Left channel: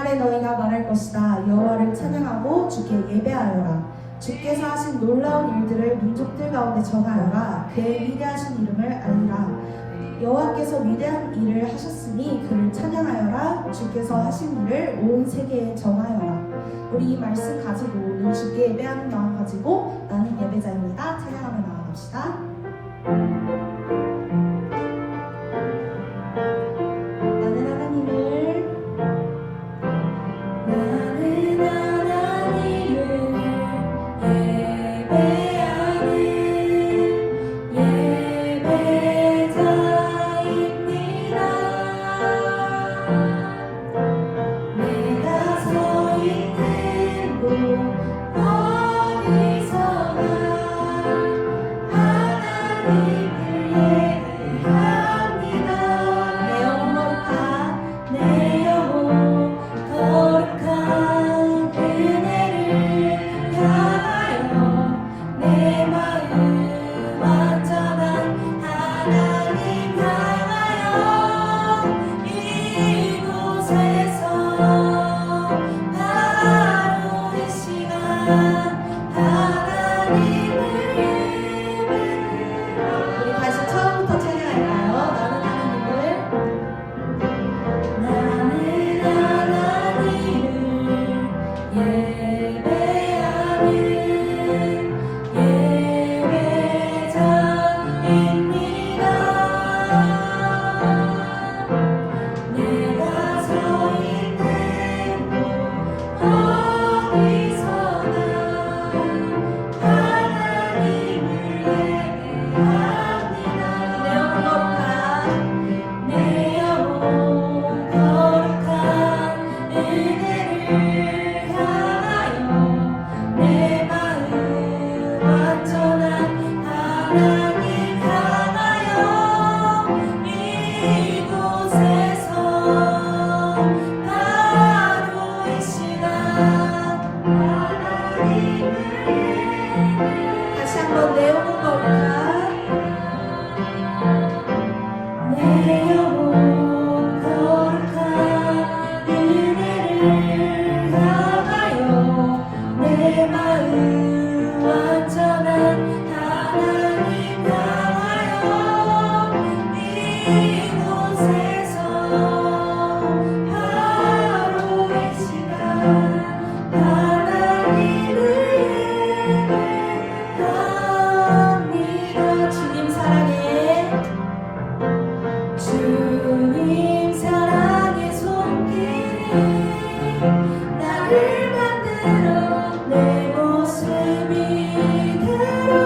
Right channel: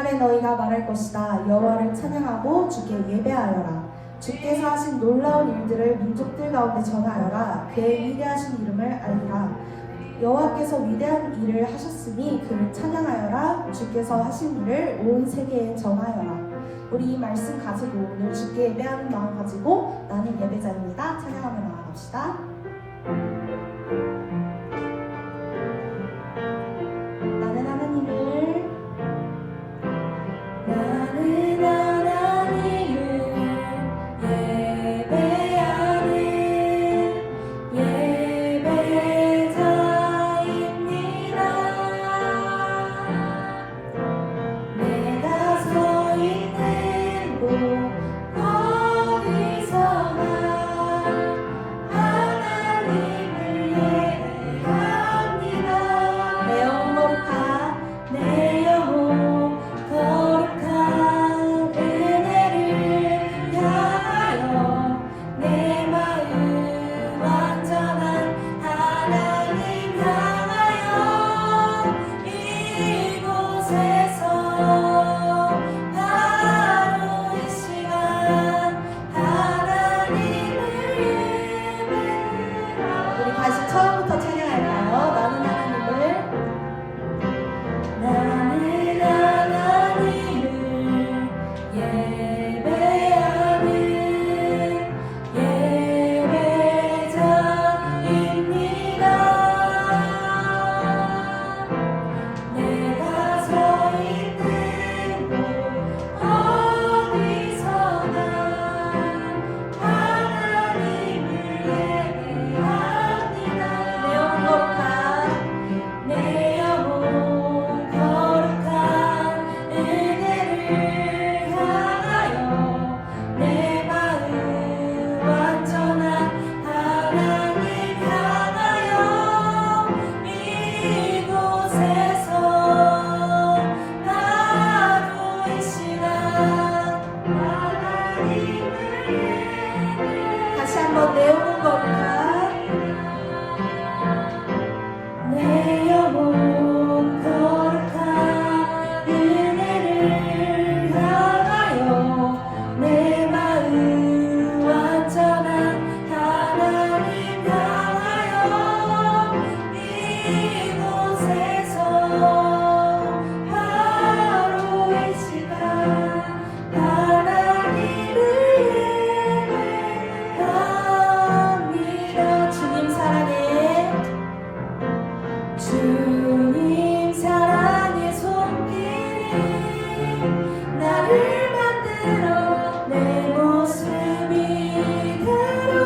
그날에 너희가 말할 것이다. 여호와를 찬양하고 주께 예배하여라. 주께서 하신 놀라운 일들을 민족들 가운데 전하여라. 그의 위대하신 이름을 알리라. 여호와께서 위대한 일을 하셨으니 그를 찬양하여라. 주께서 하신 일을 온 세계에 전하여라. 우리 이 말씀 가지고 오늘 주께 예배하는 마음 가지고 나는 예배자입니다. 찬양하며 나아갑시다. 나는 하나님을 예배하는 예배자입니다. 내가 서 있는 곳 어디서나 하나님을 예배합니다. 내 영혼 거룩한 은혜를 향하여 내 마음 완전한 하나님 향하여 이곳에서 바로 이 시간 하나님을 예배하라. 우리 다시 처음부터 찬양할까요? 나는 하나님을 예배하는 예배자입니다. 내가 서 있는 곳 어디서나 하나님을 예배합니다. 내 영혼 거룩한 은혜를 향하여 내 마음 완전한 하나님 향하여 이곳에서 바로 이 시간 하나님을 다시 한번 내 영혼 거룩한 내 영혼 거룩한 은혜를 향하여 내 마음 완전한 하나님 향하여 이곳에서 바로 이 시간 하나님을 예배합니다. 주님 사랑해. 주님 사랑의 손길이 나를 만들어 내 모습 이대로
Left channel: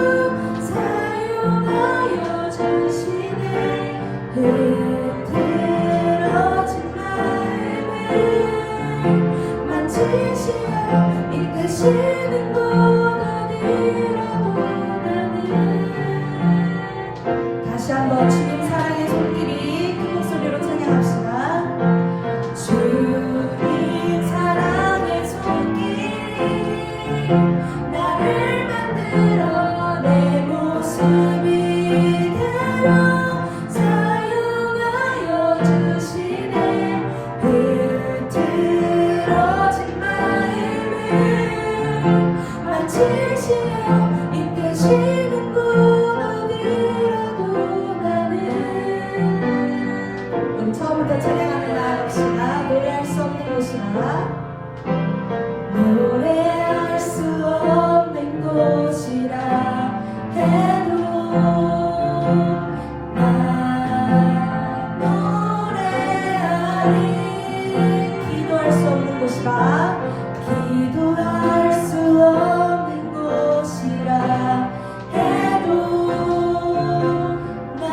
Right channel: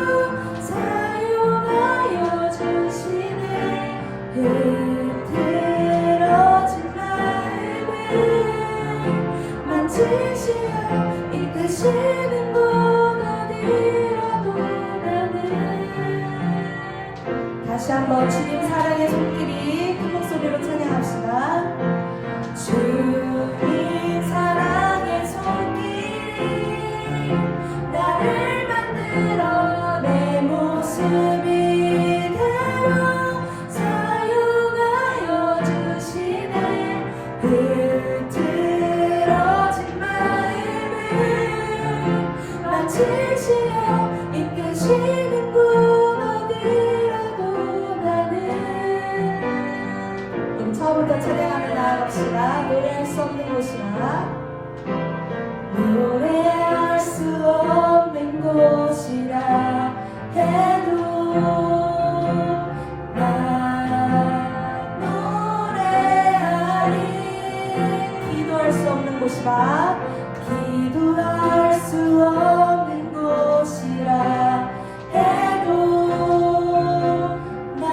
사용하여 주시네. 흐트러진 마음을 만지시어 이끄시는 곳 어디라도 나는 다시 한번 주님 사랑의 손길이 큰 목소리로 찬양합시다. 주님 사랑의 손길이 나를 만들어 내 모습 이대로 사용하여 주시네. 흐트러진 마음을 만지시어 이끄시는 곳 어디라도 나는 우리 처음부터 찬양하며 나아갑시다. 노래할 수 없는 곳이라 노래할 수 없는 곳이라 해도 나 노래하리. 기도할 수 없는 곳이라 기도할 수 없는 곳이라 해도 난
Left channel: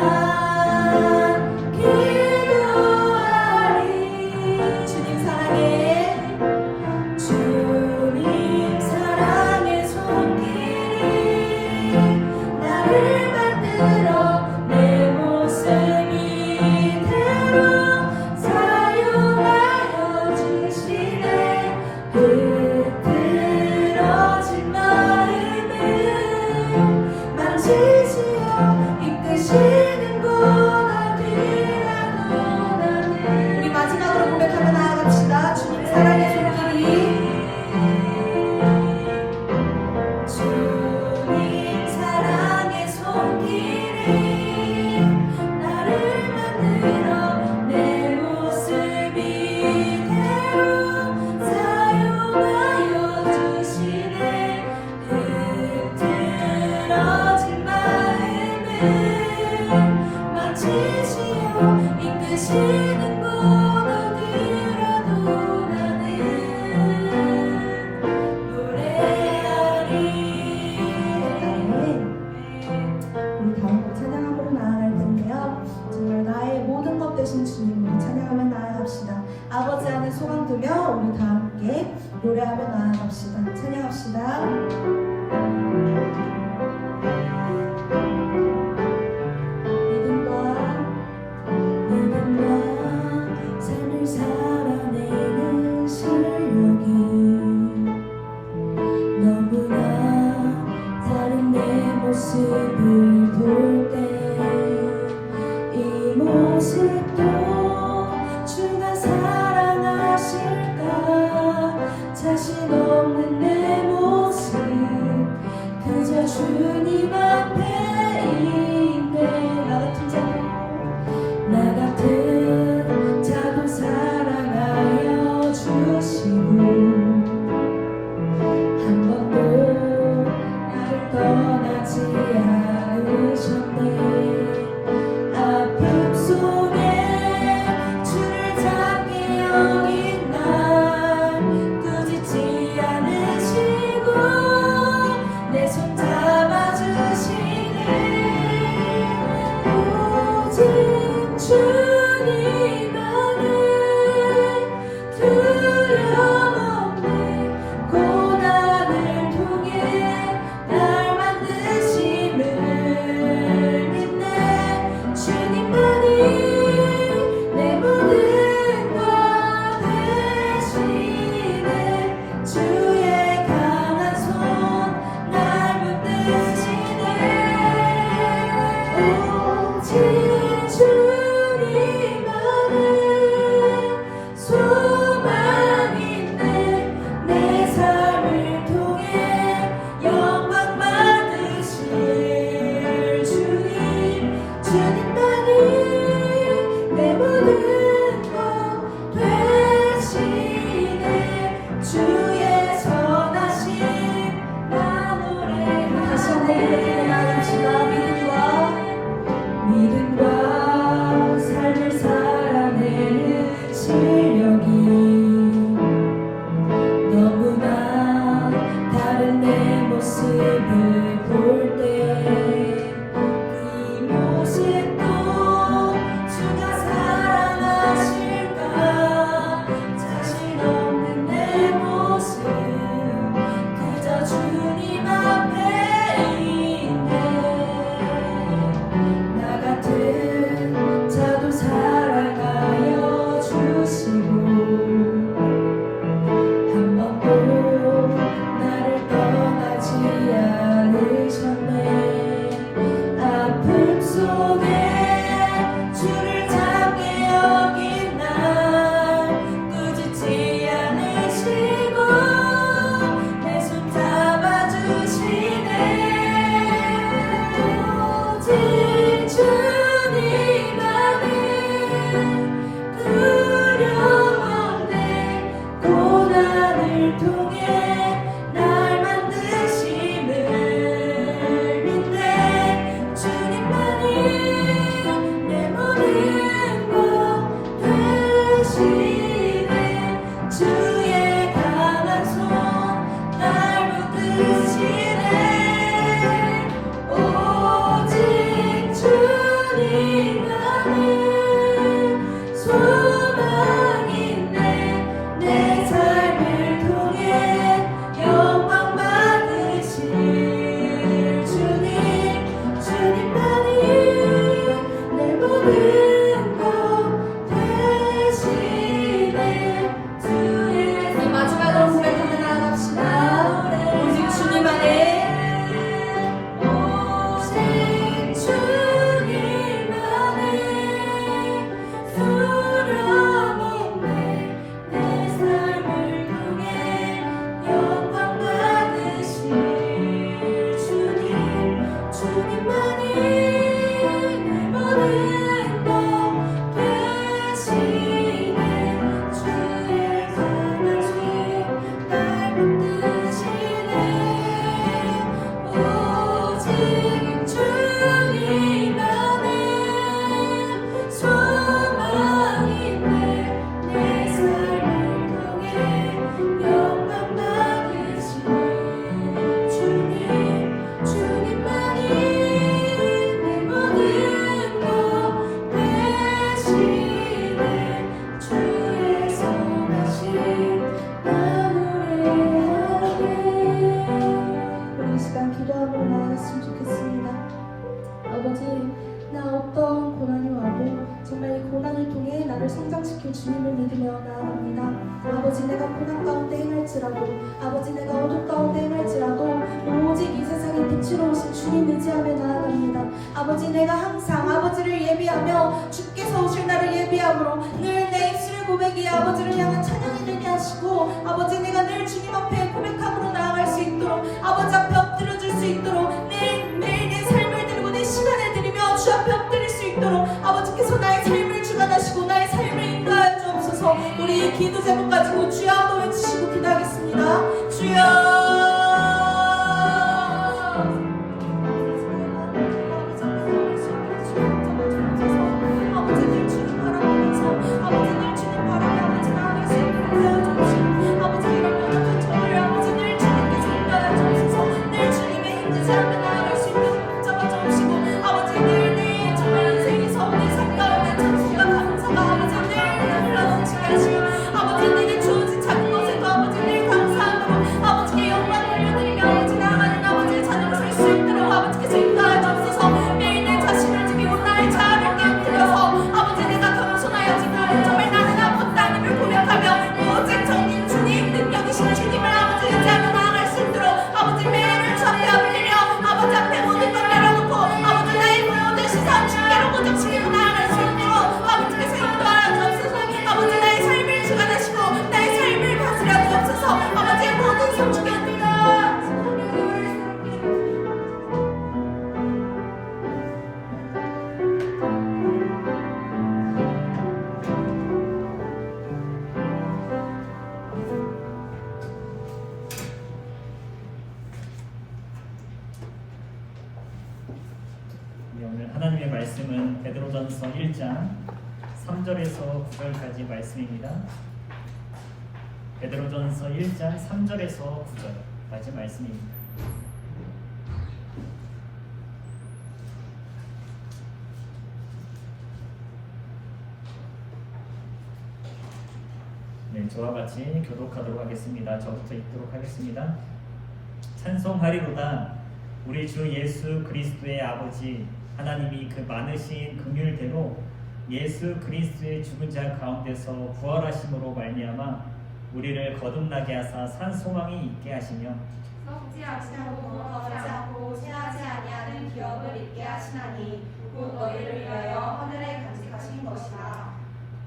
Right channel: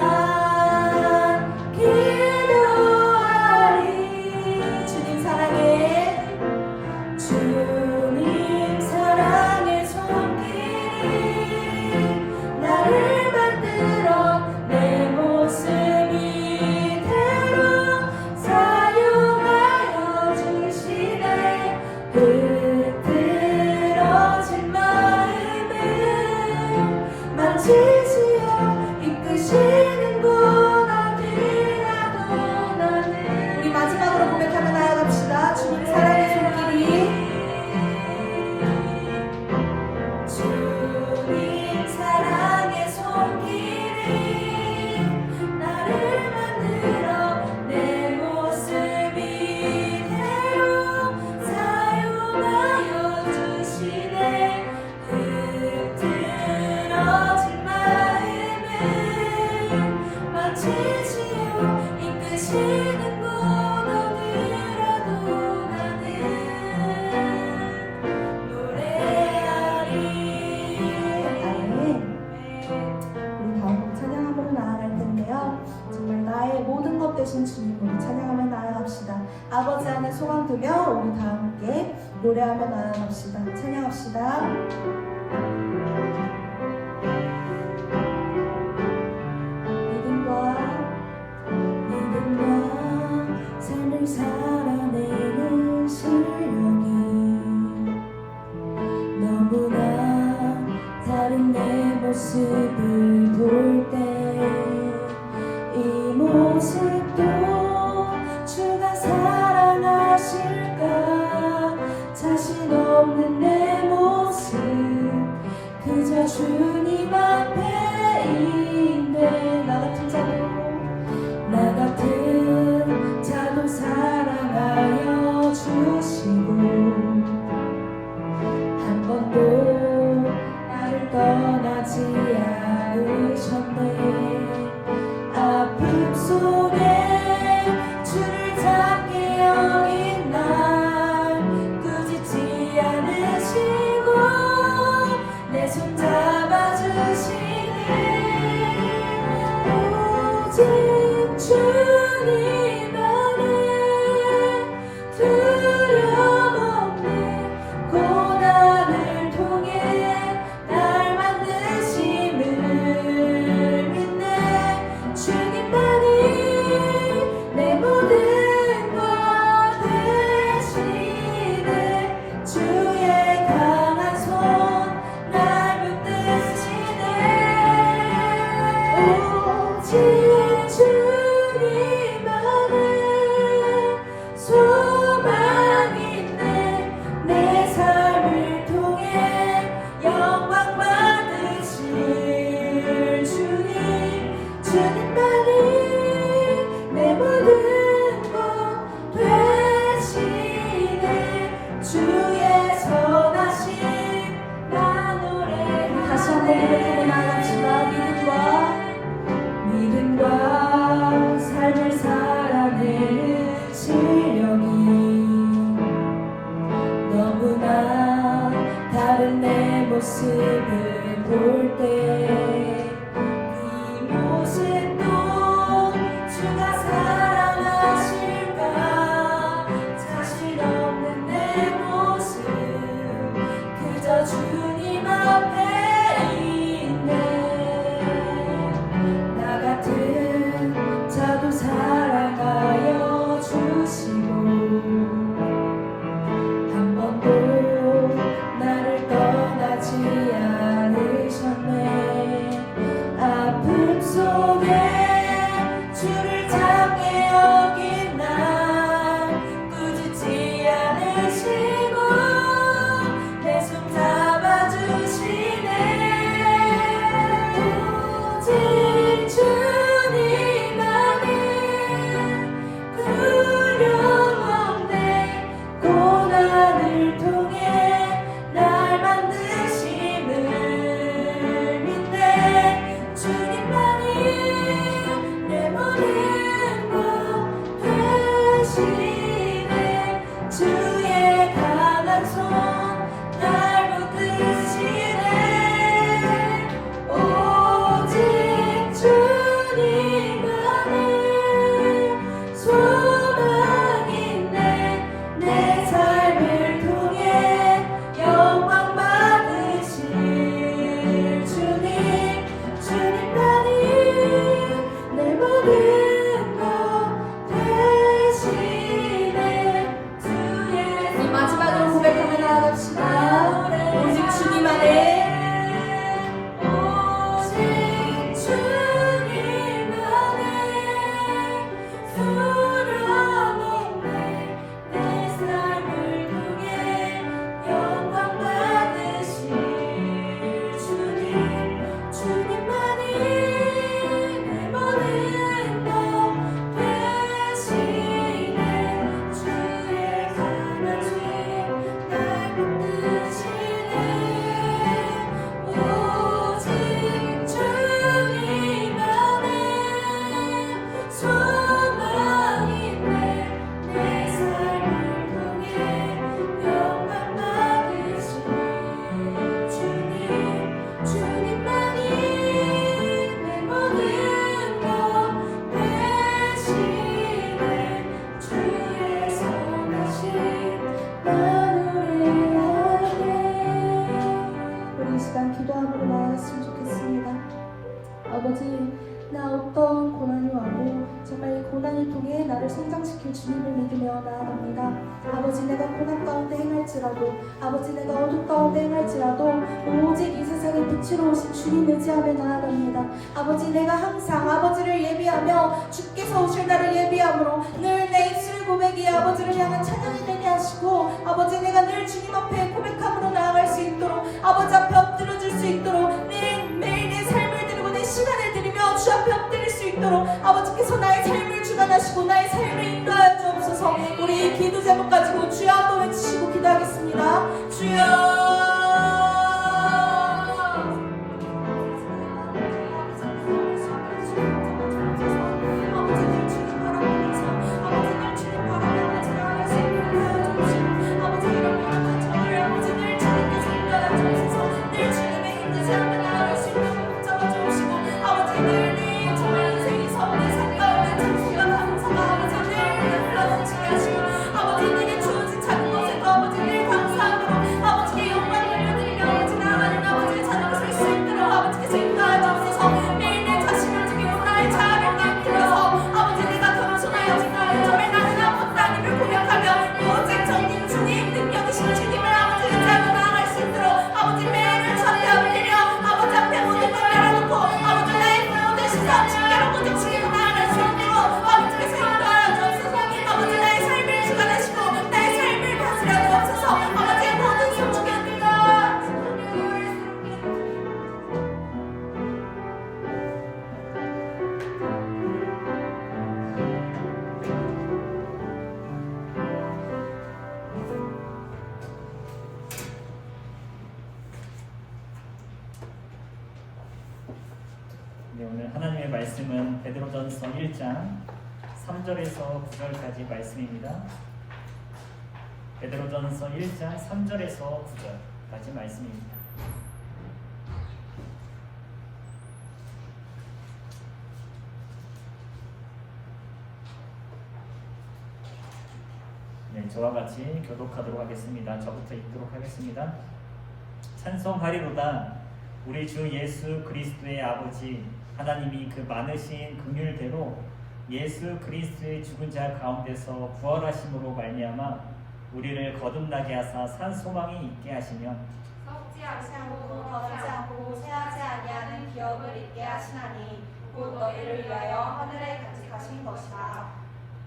기도하리. 주님 사랑해. 주님 사랑의 손길이 나를 만들어 내 모습 이대로 사용하여 주시네. 흐트러진 마음을 다 함께 노래하며 나아갑시다. 찬양합시다. 삶을 살아내는 실력이 너무나 다른 내 모습을 볼 때 이 모습도 주가 사랑하실까 자신 없는 내 모습 그저 주님 앞에 있네 나 같은 자도 사랑하여 주시고 한 번도 나를 떠나지 않으셨네 아픔 속에 주를 잡기 여긴 날 꾸짖지 않으시고 내 손 잡아주시네 오직 주님 안에 두려움 없네 고난을 통해 날 만드심을 믿네 주님만이 내 모든 것 되시네 주의 강한 손 날 붙드시네 오직 주님 안에 소망인데 내 삶을 통해 영광 받으실 주님만이 내 모든 것 되시네 주의 선하신 나 노래 다시 한번 고백하고 나갑시다 믿음과 삶을 살아내는 실력이 너무나 다른 내 모습을 볼 때 그 모습도 주가 사랑하실까 자신 없는 내 모습 그저 주님 앞에 있네 나 같은 자도 사랑하여 주시고 한 번도 나를 떠나지 않으셨네 아픔 속에 주를 잡게 여긴 날 꾸짖지 않으시고 내 손 잡아주시네 오직 주님 안에 두려움 없네 고난을 통해 날 만드심을 믿네 주님만이 내 모든 것 되시네 주의 강한 손 날 붙드시네 오직 주님 안에 소망인데 내 삶을 통해 아버지 내가 고난 가운데 행할지라도 아버지 내가 어둠 가운데 행할지라도 오직 이 세상의 빛으로 오신 주님 의지하며 나아갑니다. 아버지 내가 항상 아버지를 예비하며 주께서 오실 날을 예비함으로 늘 내 입술의 고백이 아버지를 향한 찬양이 되게 하시고 아버지 내가 늘 주님 앞에 고백함으로 나아갈 수 있도록 아버지 앞에 엎드려줄 수 있도록 매일 내 삶을 드리고 내 시간을 드리며 주 앞에 엎드릴 수 있도록 아버지께서 나의 삶을 주관하시고 나의 삶을 인도하여 주옵소서. 우리 이 기도 제목 가지고 주여 한번 외치시고 기도하겠습니다. 주여 오늘 하나님의 말씀은 베드로전서 1장 3절에서 9절까지 말씀입니다. 베드로전서 1장 3절에서 9절까지 말씀입니다. 네, 저와 같이 교독하도록 하겠습니다. 저부터 읽도록 하겠습니다. 찬송하리로다. 우리 주 예수 그리스도의 아버지 하나님이 그 많으신 긍휼대로 예수 그리스도의 죽은 자 가운데서 부활하심으로 말미암아 우리를 거듭나게 하사 산 소망이 있게 하시며 썩지 않고 더하지 않고 쇠하지 아니하는 기업을 있게 하시나니 곧 너희를 위하여 하늘에 간직하신 것이다.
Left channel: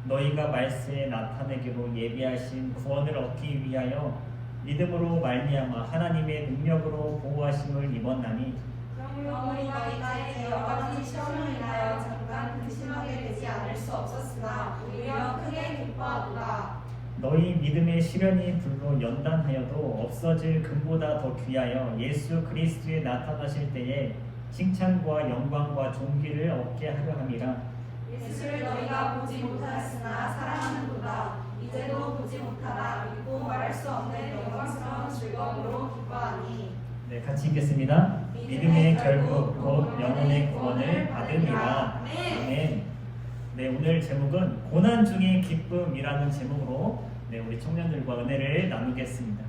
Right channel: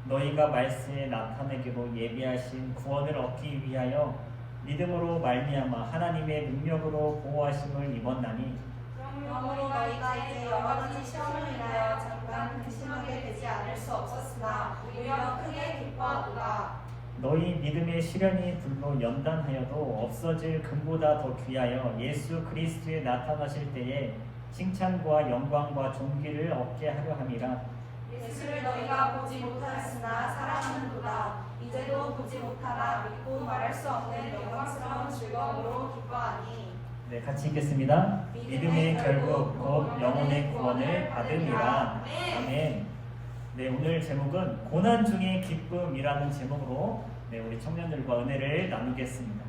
너희가 말세에 나타내기로 예비하신 구원을 얻기 위하여 믿음으로 말미암아 하나님의 능력으로 보호하심을 입었나니 그러므로 너희가 이제 여러 가지 시험을 인하여 잠깐 근심하게 되지 않을 수 없었으나 오히려 크게 기뻐하도다. 너희 믿음의 시련이 불로 연단하여도 없어질 금보다 더 귀하여 예수 그리스도에 나타나실 때에 칭찬과 영광과 존귀를 얻게 하려 함이라. 예수를 너희가 보지 못하였으나 사랑하는도다. 이제도 보지 못하나 믿고 말할 수 없는 영광스러운 즐거움으로 기뻐하니. 네, 같이 읽겠습니다. 믿음의 결국 곧 영혼의 구원을 받음이라. 아멘. 네, 오늘 제목은 고난 중의 기쁨이라는 제목으로 우리 청년들과 은혜를 나누겠습니다.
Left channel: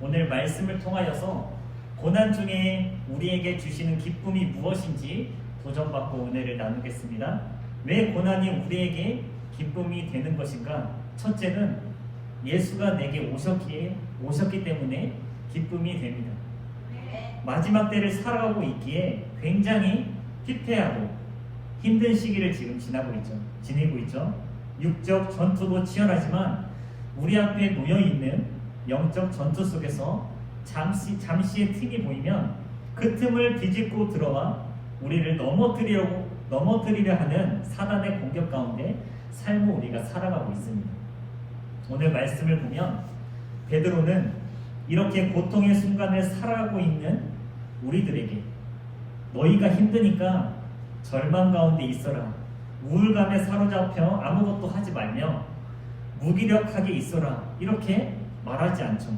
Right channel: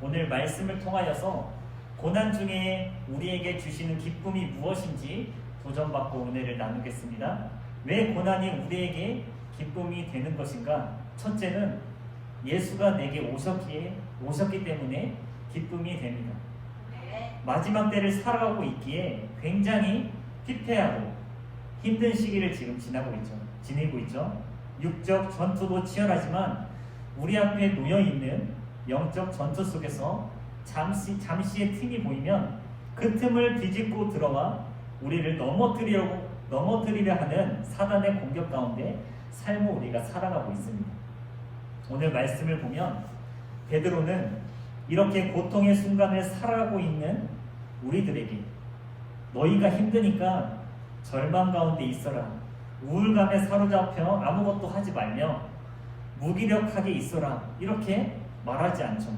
오늘 말씀을 통하여서 고난 중에 우리에게 주시는 기쁨이 무엇인지 도전받고 은혜를 나누겠습니다. 왜 고난이 우리에게 기쁨이 되는 것인가? 첫째는 예수가 내게 오셨기 때문에 기쁨이 됩니다. 마지막 때를 살아가고 있기에 굉장히 피폐하고 힘든 시기를 지금 지내고 있죠. 육적 전투도 치열하지만 우리 앞에 놓여있는 영적 전투 속에서 잠시의 틈이 보이면 그 틈을 비집고 들어와 우리를 넘어뜨리려 하는 사단의 공격 가운데 삶을 우리가 살아가고 있습니다. 오늘 말씀을 보면 베드로는 이렇게 고통의 순간을 살아가고 있는 우리들에게 너희가 힘드니까 절망 가운데 있어라, 우울감에 사로잡혀 아무것도 하지 말며 무기력하게 있어라, 이렇게 말하지 않죠.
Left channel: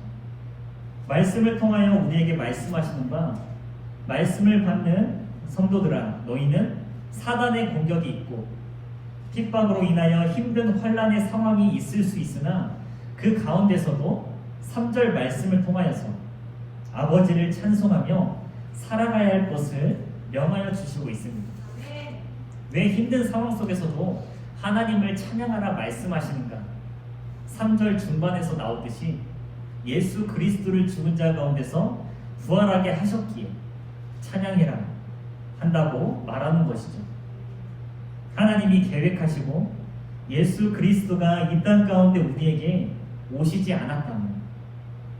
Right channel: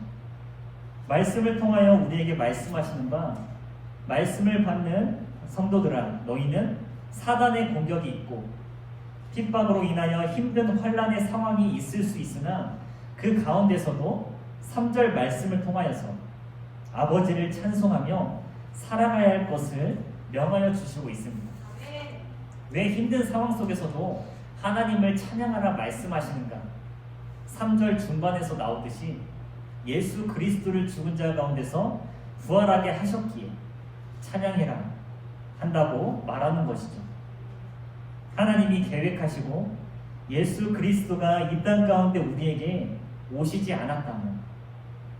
말씀을 통하여 우리에게 말씀하시는 바, 말씀을 받는 성도들아, 너희는 사단의 공격이 있고 핍박으로 인하여 힘든 환난의 상황이 있을 수 있으나 그 가운데서도 3절 말씀을 통하여서 아버지를 찬송하며 살아가야 할 것을 명하여 주시고 있습니다. 왜 힘든 상황 속에서도 하나님을 찬양하라 말씀하시는가? 3절 중반에서 나오듯이 예수 그리스도를 죽은 자 가운데서 부활하게 하셨기에 찬양해라 한다고 말하는 것이죠. 하나님이 계획하시고 예수 그리스도가 이 땅 가운데 우리에게 오시지 않았다면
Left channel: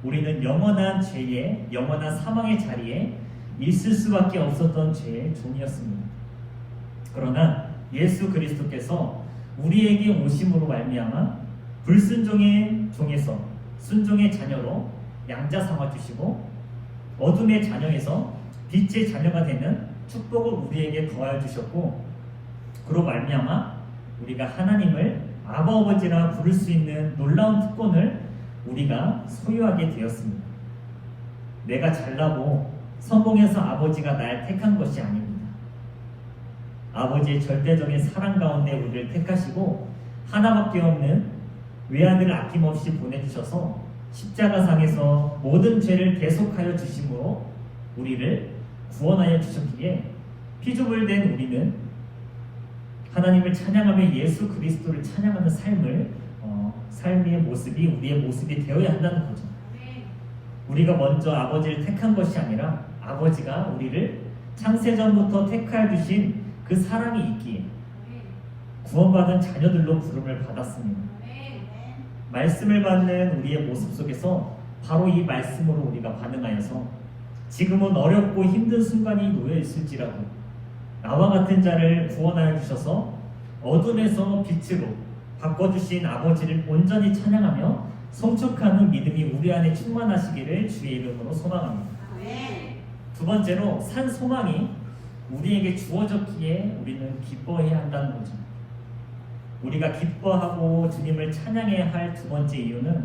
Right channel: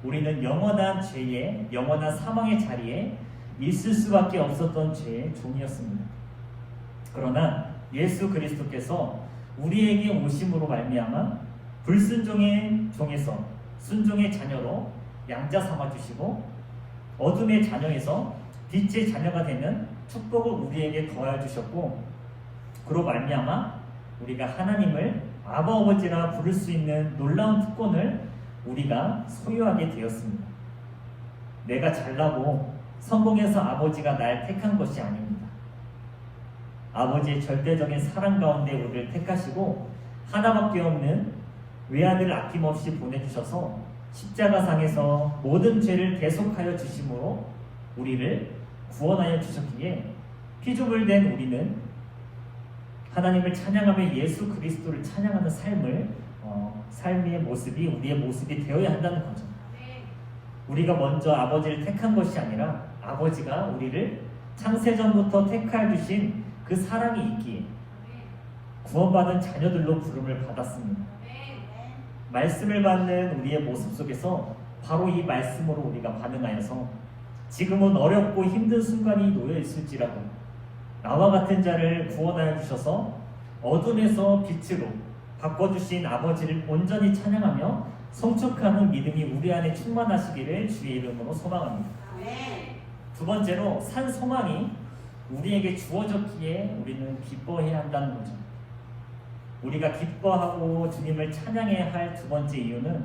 우리는 영원한 죄의 영원한 사망의 자리에 있을 수밖에 없었던 죄의 종이었습니다. 그러나 예수 그리스도께서 우리에게 오심으로 말미암아 불순종의 종에서 순종의 자녀로 양자 삼아 주시고 어둠의 자녀에서 빛의 자녀가 되는 축복을 우리에게 더하여 주셨고, 그로 말미암아 우리가 하나님을 아버지라 부를 수 있는 놀라운 특권을 우리가 소유하게 되었습니다. 내가 잘나고 성공해서 아버지가 날 택한 것이 아닙니다. 아버지의 절대적인 사랑 가운데 우리를 택하시고 하나밖에 없는 외아들을 아낌없이 보내주셔서 십자가상에서 모든 죄를 대속하여 주심으로 우리를 구원하여 주셨기에 피조물된 우리는 하나님을 찬양하며 예수 그리스도를 찬양하는 삶의 모습이 우리의 모습이 되어야 한다는 거죠. 우리가 먼저 아버지를 택한 것이 아니라 아버지가 우리를 창세전부터 택하여 주신 그 사랑이 있기에 구원받은 자녀들로 부름을 받았습니다. 말씀을 받는 우리의 모습 속에서 바로 이 말씀으로 우리가 반응하여서 지금은 어렵고 힘든 순간이 놓여 있을지라도 나와 같은 자를 구원하여 주셔서 어둠에서 빛으로 바꿔주신 아버지를 온전히 찬양하며 성축하는 믿음이 우리 안에 충만하시기를 주의 이름으로 소망합니다. 두 번째로 산 소망이 우리에게 주어졌기에 우리는 기뻐해야 한다는 거죠. 우리가 기뻐하고 주님을 찬양해야 할 두 번째 이유는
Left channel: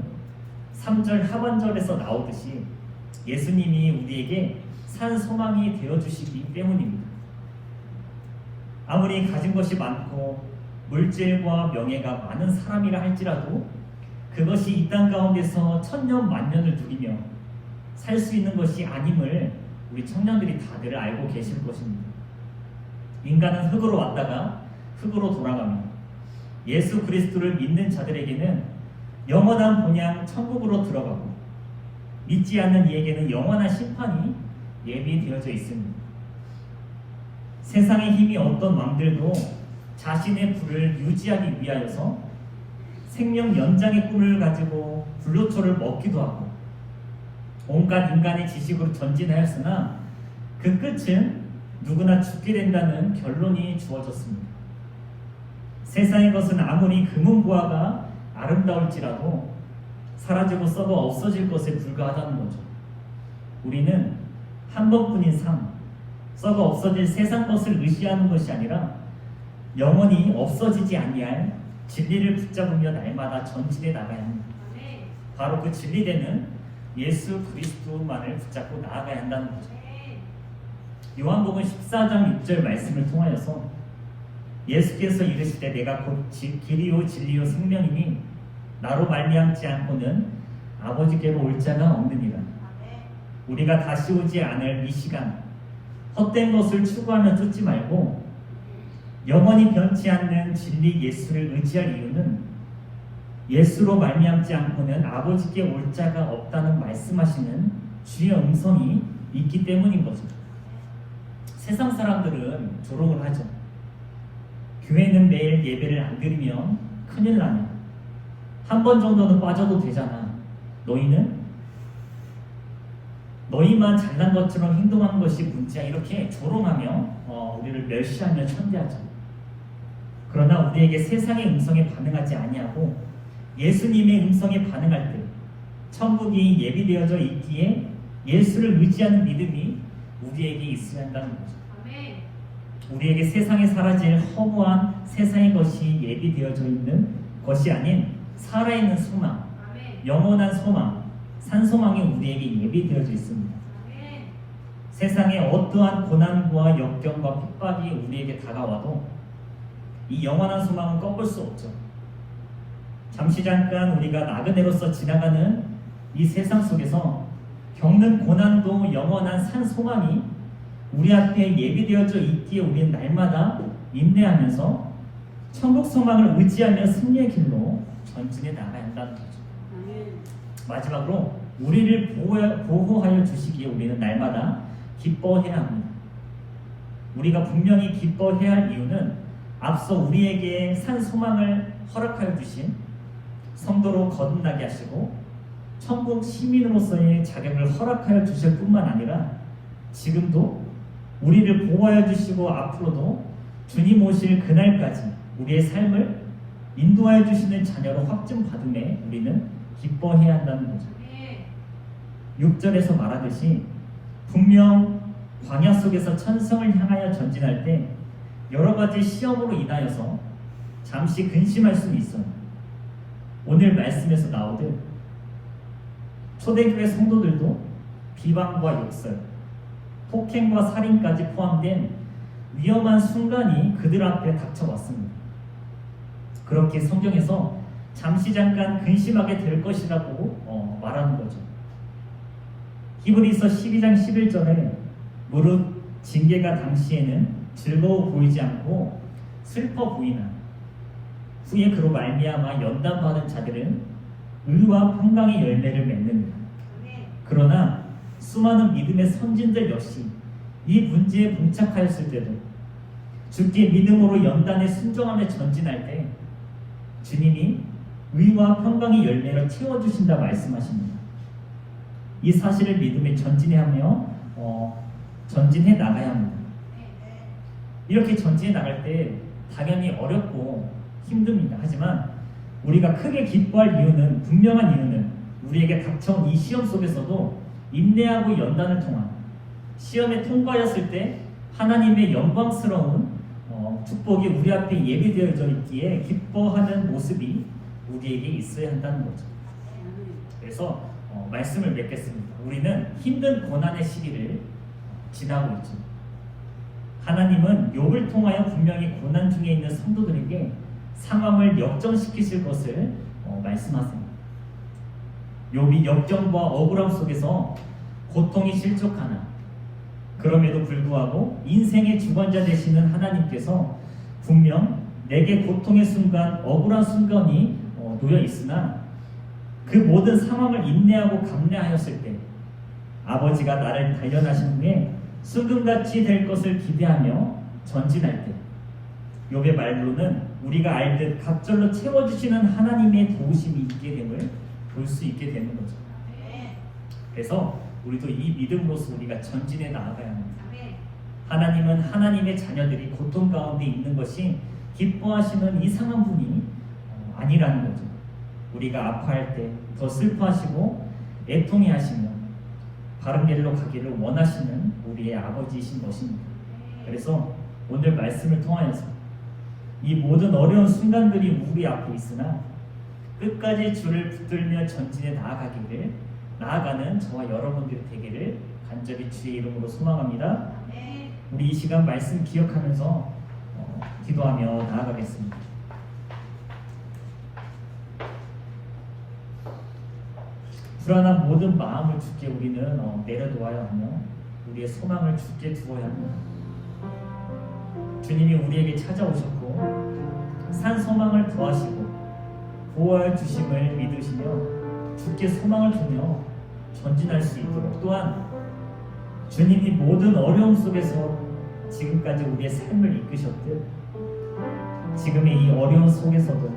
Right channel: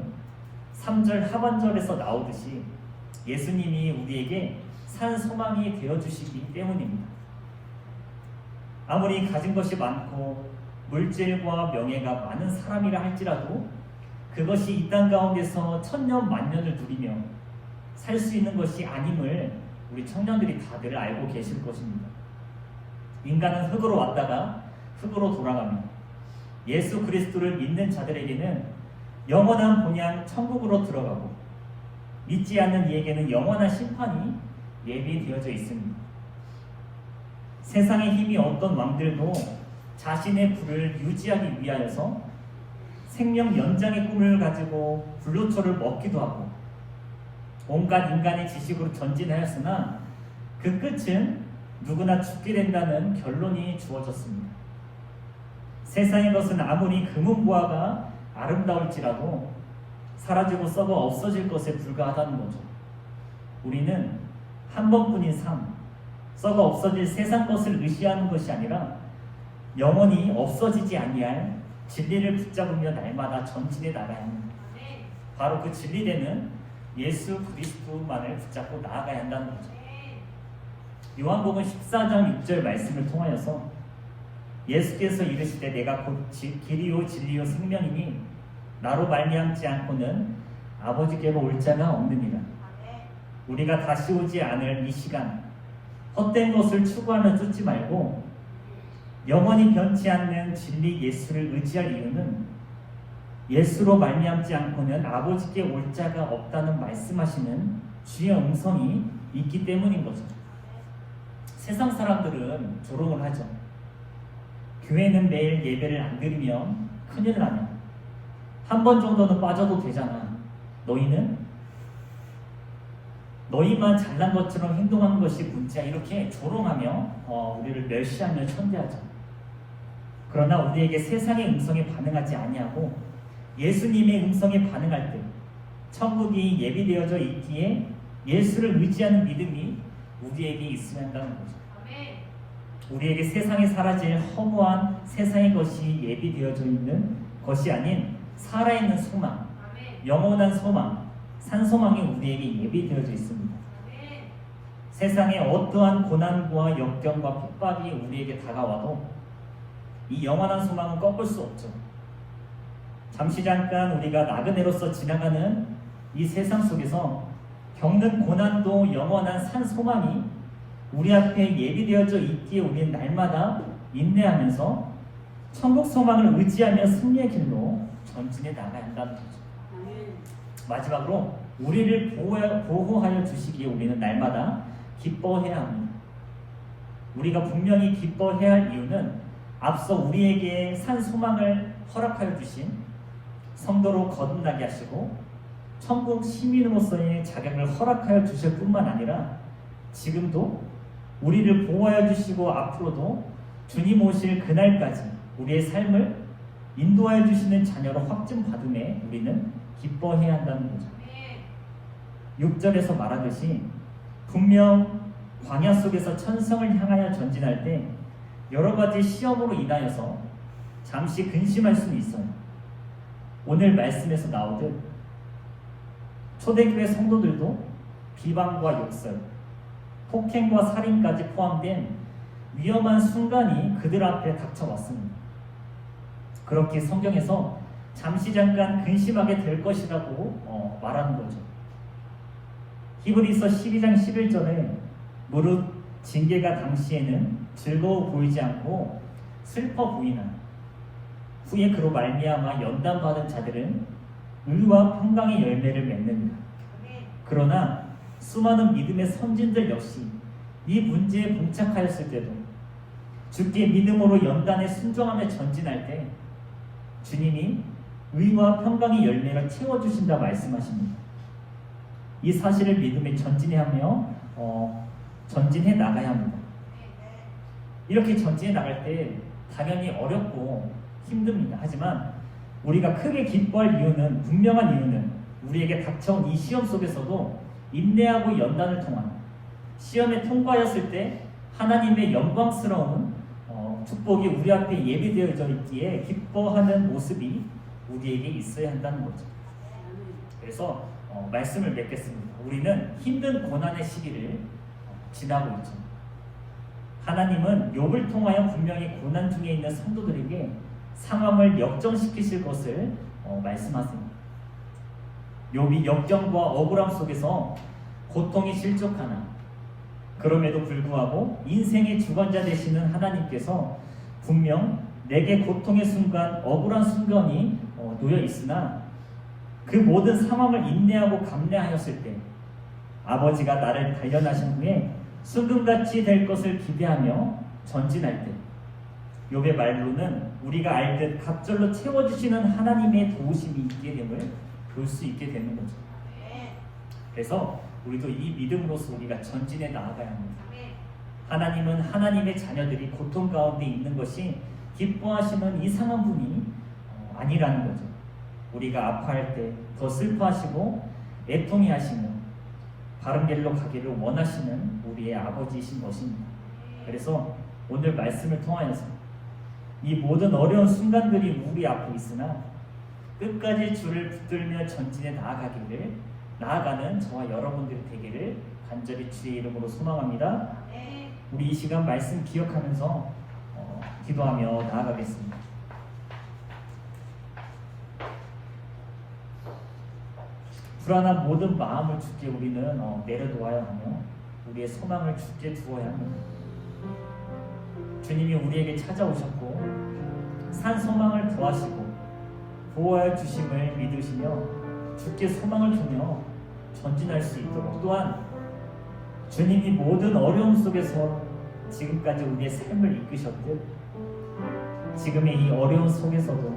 3절 하반절에서 나오듯이 예수님이 우리에게 산 소망이 되어주시기 때문입니다. 아무리 가진 것이 많고 물질과 명예가 많은 사람이라 할지라도 그것이 이 땅 가운데서 천년 만년을 누리며 살 수 있는 것이 아님을 우리 청년들이 다들 알고 계실 것입니다. 인간은 흙으로 왔다가 흙으로 돌아가며 예수 그리스도를 믿는 자들에게는 영원한 본향 천국으로 들어가고 믿지 않는 이에게는 영원한 심판이 예비되어져 있습니다. 세상의 힘이 어떤 왕들도 자신의 부를 유지하기 위하여서 생명 연장의 꿈을 가지고 불로초를 먹기도 하고 온갖 인간의 지식으로 전진하였으나 그 끝은 누구나 죽게 된다는 결론이 주어졌습니다. 세상의 것은 아무리 금은보화가 아름다울지라도 사라지고 썩어 없어질 것에 불과하다는 거죠. 우리는 한 번뿐인 삶, 썩어 없어질 세상 것을 의지하는 것이 아니라 영원히 없어지지 아니할 진리를 붙잡으며 날마다 전진해 나가야 합니다. 바로 그 진리되는 예수 그리스도만을 붙잡고 나아가야 한다는 거죠. 요한복음 14장 6절 말씀을 통하여서 예수께서 이르시되 내가 곧 길이요 진리요 생명이니 나로 말미암지 않고는 아버지께로 올 자가 없느니라. 우리가 다시 오지 않을 이 시간 헛된 것을 추구하며 쫓지 말고 영원히 변치 않는 진리 예수를 의지할 이유는 예수로 말미암지 않고는 아버지께 올 자가 없다는 말씀하시는 주의 음성이 있기 때문인 거죠. 세상 사람들은 조롱을 하죠. 교회는 매일 예배를 안 드리면 큰일 나냐. 한 번 정도는 빠져도 되잖아. 너희만 잘난 것처럼 행동하는 것이 문제야. 이렇게 조롱하며 우리를 멸시하며 천대하죠. 그러나 우리에게 세상의 음성에 반응하지 아니하고 예수님의 음성에 반응할 때 천국이 예비되어져 있기에 예수를 의지하는 믿음이 우리에게 있어야 한다는 거죠. 우리에게 세상에 사라질 허무한 세상의 것이 예비되어져 있는 것이 아닌 살아있는 소망, 영원한 소망, 산소망이 우리에게 예비되어져 있습니다. 세상의 어떠한 고난과 역경과 핍박이 우리에게 다가와도 이 영원한 소망은 꺾을 수 없죠. 잠시 잠깐 우리가 나그네로서 지나가는 이 세상 속에서 겪는 고난도 영원한 산 소망이 우리 앞에 예비되어져 있기에 우리는 날마다 인내하면서 천국 소망을 의지하며 승리의 길로 전진해 나가야 한다는 거죠. 마지막으로 우리를 보호하여 주시기에 우리는 날마다 기뻐해야 합니다. 우리가 분명히 기뻐해야 할 이유는 앞서 우리에게 산 소망을 허락하여 주신 성도로 거듭나게 하시고 천국 시민으로서의 자격을 허락하여 주실 뿐만 아니라 지금도 우리를 보호하여 주시고 앞으로도 주님 오실 그날까지 우리의 삶을 인도하여 주시는 자녀로 확증받음에 우리는 기뻐해야 한다는 거죠. 6절에서 말하듯이 분명 광야 속에서 천성을 향하여 전진할 때 여러 가지 시험으로 인하여서 잠시 근심할 수는 있어요. 오늘 말씀에서 나오듯 초대교회 성도들도 비방과 욕설, 폭행과 살인까지 포함된 위험한 순간이 그들 앞에 닥쳐왔습니다. 그렇게 성경에서 잠시 잠깐 근심하게 될 것이라고 말하는 거죠. 히브리서 12장 11절에 무릇 징계가 당시에는 즐거워 보이지 않고 슬퍼 보이나 후에 그로 말미암아 연단받은 자들은 의와 평강의 열매를 맺느니라. 그러나 수많은 믿음의 선진들 역시 이 문제에 봉착하였을 때도 주께 믿음으로 연단에 순종하며 전진할 때 주님이 의와 평강의 열매를 채워주신다 말씀하십니다. 이 사실을 믿음에 전진하며 전진해 나가야 합니다. 이렇게 전진해 나갈 때 당연히 어렵고 힘듭니다. 하지만 우리가 크게 기뻐할 이유는 분명한 이유는 우리에게 닥쳐온 이 시험 속에서도 인내하고 연단을 통한 시험에 통과하였을 때 하나님의 영광스러운 축복이 우리 앞에 예비되어져 있기에 기뻐하는 모습이 우리에게 있어야 한다는 거죠. 그래서 말씀을 맺겠습니다. 우리는 힘든 고난의 시기를 지나고 있죠. 하나님은 욥을 통하여 분명히 고난 중에 있는 성도들에게 상황을 역전시키실 것을 말씀하십니다. 욥이 역경과 억울함 속에서 고통이 실족하나 그럼에도 불구하고 인생의 주관자 되시는 하나님께서 분명 내게 고통의 순간, 억울한 순간이 놓여 있으나 그 모든 상황을 인내하고 감내하였을 때 아버지가 나를 단련하신 후에 순금같이 될 것을 기대하며 전진할 때 욥의 말로는 우리가 알듯 갑절로 채워주시는 하나님의 도우심이 있게 됨을 볼 수 있게 되는 거죠. 그래서 우리도 이 믿음으로서 우리가 전진해 나아가야 합니다. 하나님은 하나님의 자녀들이 고통 가운데 있는 것이 기뻐하시는 이상한 분이 아니라는 거죠. 우리가 아파할 때 더 슬퍼하시고 애통해 하시며 바른 길로 가기를 원하시는 우리의 아버지이신 것입니다. 그래서 오늘 말씀을 통하여서 이 모든 어려운 순간들이 우리 앞에 있으나 끝까지 주를 붙들며 전진해 나아가는 저와 여러분들이 되기를 간절히 주의 이름으로 소망합니다. 우리 이 시간 말씀 기억하면서 기도하며 나아가겠습니다. 불안한 모든 마음을 주께 우리는 내려놓아야 하며 우리의 소망을 주께 두어야 합니다. 주님이 우리에게 찾아오셨고 산 소망을 더하시고 보호하여 주심을 믿으시며 주께 소망을 두며 전진할 수 있도록 또한 주님이 모든 어려움 속에서 지금까지 우리의 삶을 이끄셨듯 지금의 이 어려움 속에서도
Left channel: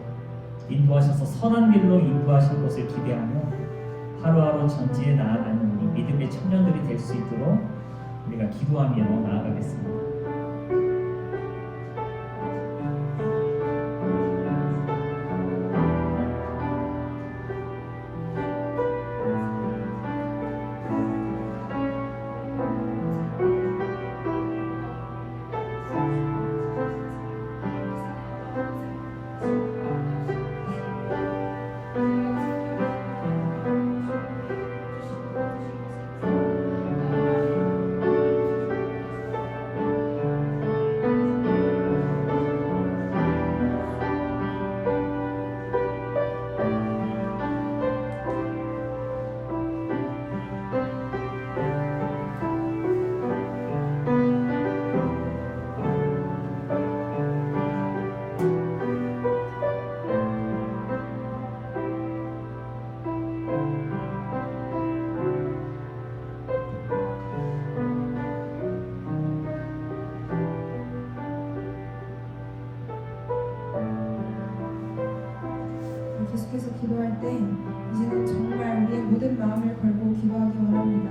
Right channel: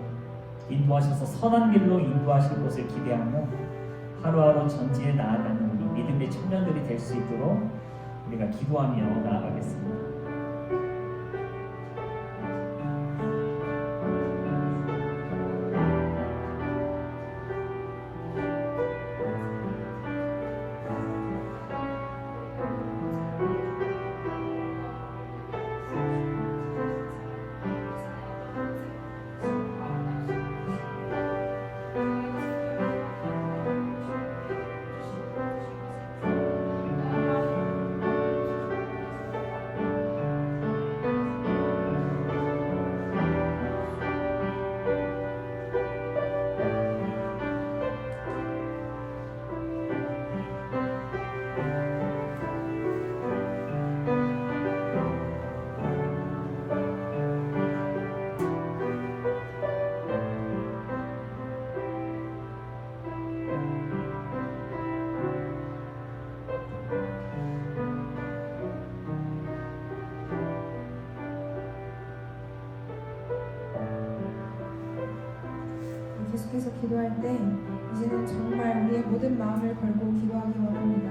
인도하셔서 선한 길로 인도하실 것을 기대하며 하루하루 전진해 나아가는 우리 믿음의 청년들이 될 수 있도록 우리가 기도하며 나아가겠습니다. 기도할 때 이제는 정말 우리의 모든 마음을 걸고 기도하기 원합니다.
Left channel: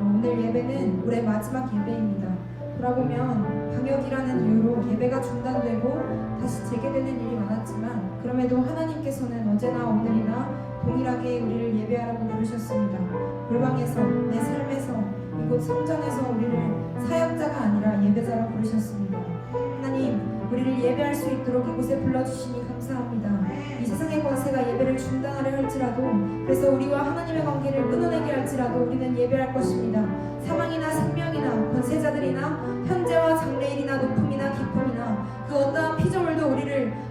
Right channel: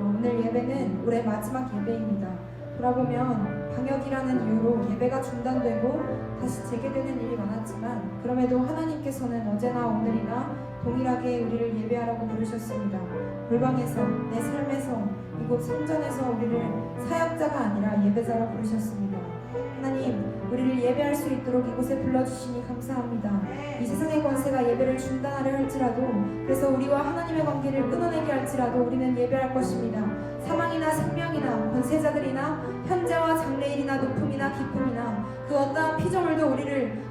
오늘 예배는 올해 마지막 예배입니다. 돌아보면 방역이라는 이유로 예배가 중단되고 다시 재개되는 일이 많았지만 그럼에도 하나님께서는 어제나 오늘이나 동일하게 우리를 예배하라고 부르셨습니다. 골방에서, 내 삶에서, 이곳 성전에서 우리를 사역자가 아니라 예배자로 부르셨습니다. 하나님, 우리를 예배할 수 있도록 이곳에 불러주시니 감사합니다. 이 세상의 권세가 예배를 중단하려 할지라도, 그래서 우리와 하나님의 관계를 끊어내게 할지라도 우리는 예배할 것입니다. 사망이나 생명이나 권세자들이나 현재와 장래일이나 높음이나 깊음이나 그 어떠한 피조물도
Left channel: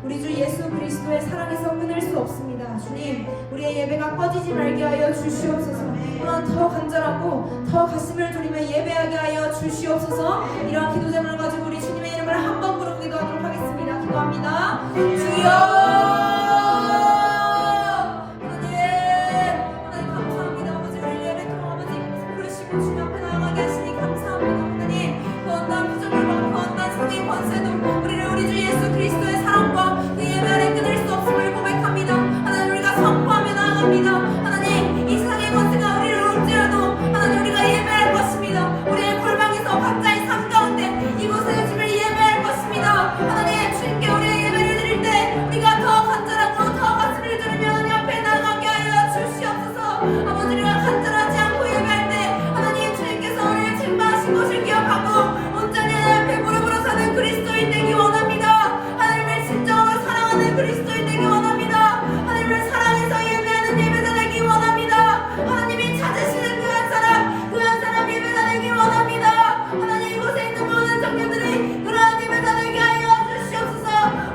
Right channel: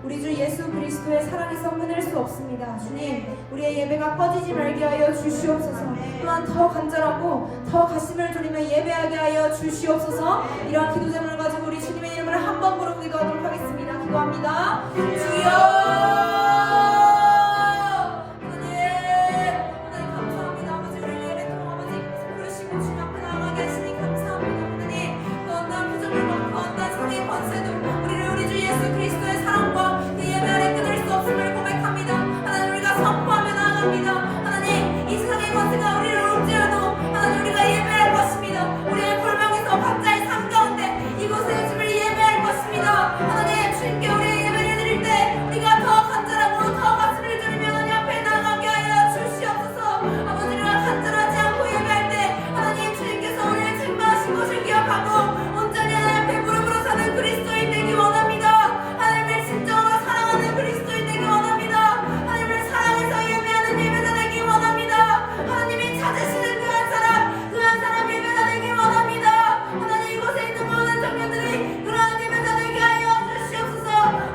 우리 주 예수 그리스도의 사랑에서 끊을 수 없습니다. 주님, 우리의 예배가 꺼지지 말게 하여 주시옵소서. 또한 더 간절하고 더 가슴을 졸이며 예배하게 하여 주시옵소서. 이러한 기도 제목을 가지고 우리 주님의 이름을 한 번 부르고 기도하도록 하겠습니다. 기도합니다. 주여! 하나님 감사합니다. 아버지, 우리 예배토록 아버지 부르시고 주님 앞에 나아가게 하시니 감사합니다. 하나님, 그 어떠한 피조물과 그 어떠한 성의 권세도 우리를 우리 주 예수 그리스도의 사랑과 그 예배 아래 끊을 수 없음을 고백합니다. 하나님, 우리가 선포하며 나아갑니다. 하나님, 이 세상의 권세가 우리를 올지라도 하나님, 우리가 예배할 것입니다. 우리의 골방에서 각자의 삶 가운데 이곳에 주를 예배할 것입니다. 하나님, 주님께 우리의 예배를 드릴 때 우리가 더 간절하고 더 가슴을 졸이며 하나님 앞에 나아가게 하여 주시옵소서. 아버지, 우리가 간절하지 않고 예배할 때 하나님, 주님께서 우리를 책망하신 것을 기억하고 온전히 하나님 앞에 무릎으로 사는 그리스도인 되기 원합니다. 하나님을 진정으로 사랑하는 그리스도인 되기 원합니다. 하나님을 사랑해서 예배하는 예배자 되기 원합니다. 하나님이 찾으시는 그 한 사람 예배자 되기 원합니다. 하나님, 이곳에 있는 모든 청년들이 그러한 예배자 되게 하여 주시옵소서.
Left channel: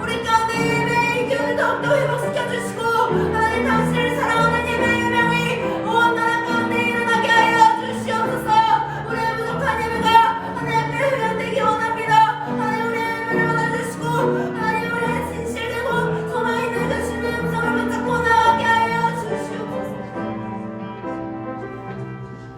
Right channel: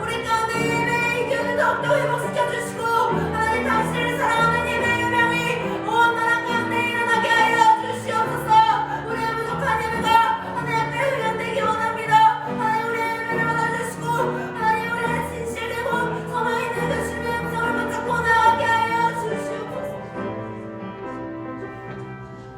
우리 가운데 예배의 기운을 더욱더 회복시켜 주시고 하나님, 당신을 사랑하는 예배의 요명이 온 나라 가운데 일어나게 하여 주시옵소서. 우리의 부족한 예배가 하나님 앞에 회복되기 원합니다. 하나님, 우리의 예배를 받아주시고 하나님, 우리의 진실되고 소망 있는 그 주님의 음성을 붙잡고 나가게 하여 주시옵소서.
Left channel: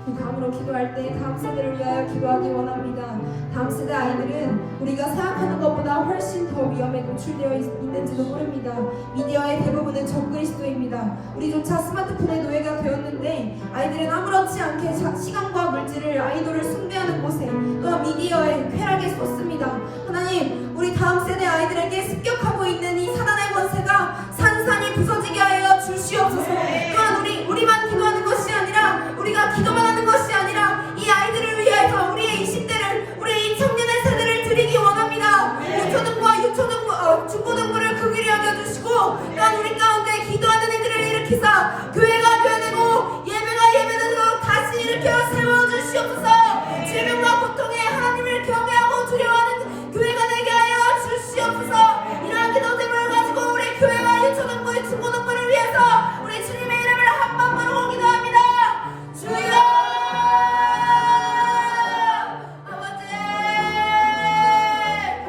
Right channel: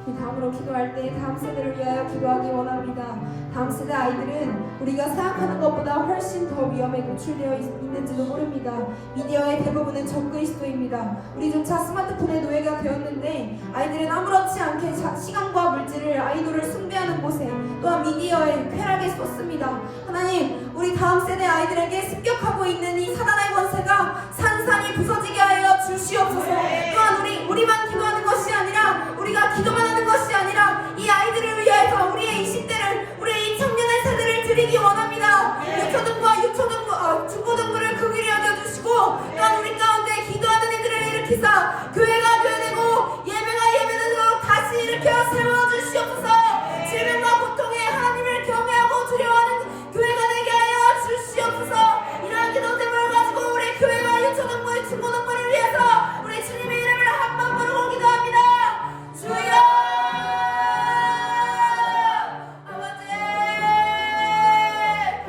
이 다음으로 기도할 때 다음 세대를 위하여 기도하기 원합니다. 다음 세대 아이들은 우리가 생각하는 것보다 훨씬 더 위험에 노출되어 있는지도 모릅니다. 미디어의 대부분은 적그리스도입니다. 우리조차 스마트폰의 노예가 되었는데 아이들은 아무렇지 않게 시간과 물질을, 아이돌을 숭배하는 곳에 또한 미디어에 쾌락에 쏟습니다. 하나님, 우리 다음 세대 아이들에게 습격하고 있는 이 사단의 권세가 산산이 부서지게 하여 주시옵소서. 또한 우리만 기도하는 것이 아니라, 우리가 기도만 하는 것이 아니라 이 아이들을 위해서 우리의 20대를, 우리의 이 청년의 세대를 드리기 원합니다. 중고등부를 긍휼히 여겨주시고 또한 우리 가운데 기도하는 이들을 일으키사 교회가 되어되고 예배가 예배되도록 다시 일으켜 세워주시옵소서. 질병과 고통에 하나님을 경외하고 두려워하는 교회가 되게 하여 주시옵소서. 이러한 기도 제목을 가지고 우리 교회와 유초등부, 중고등부를 위해서 우리 주님의 이름을 한 번 부르고 기도합니다. 주여! 아버지,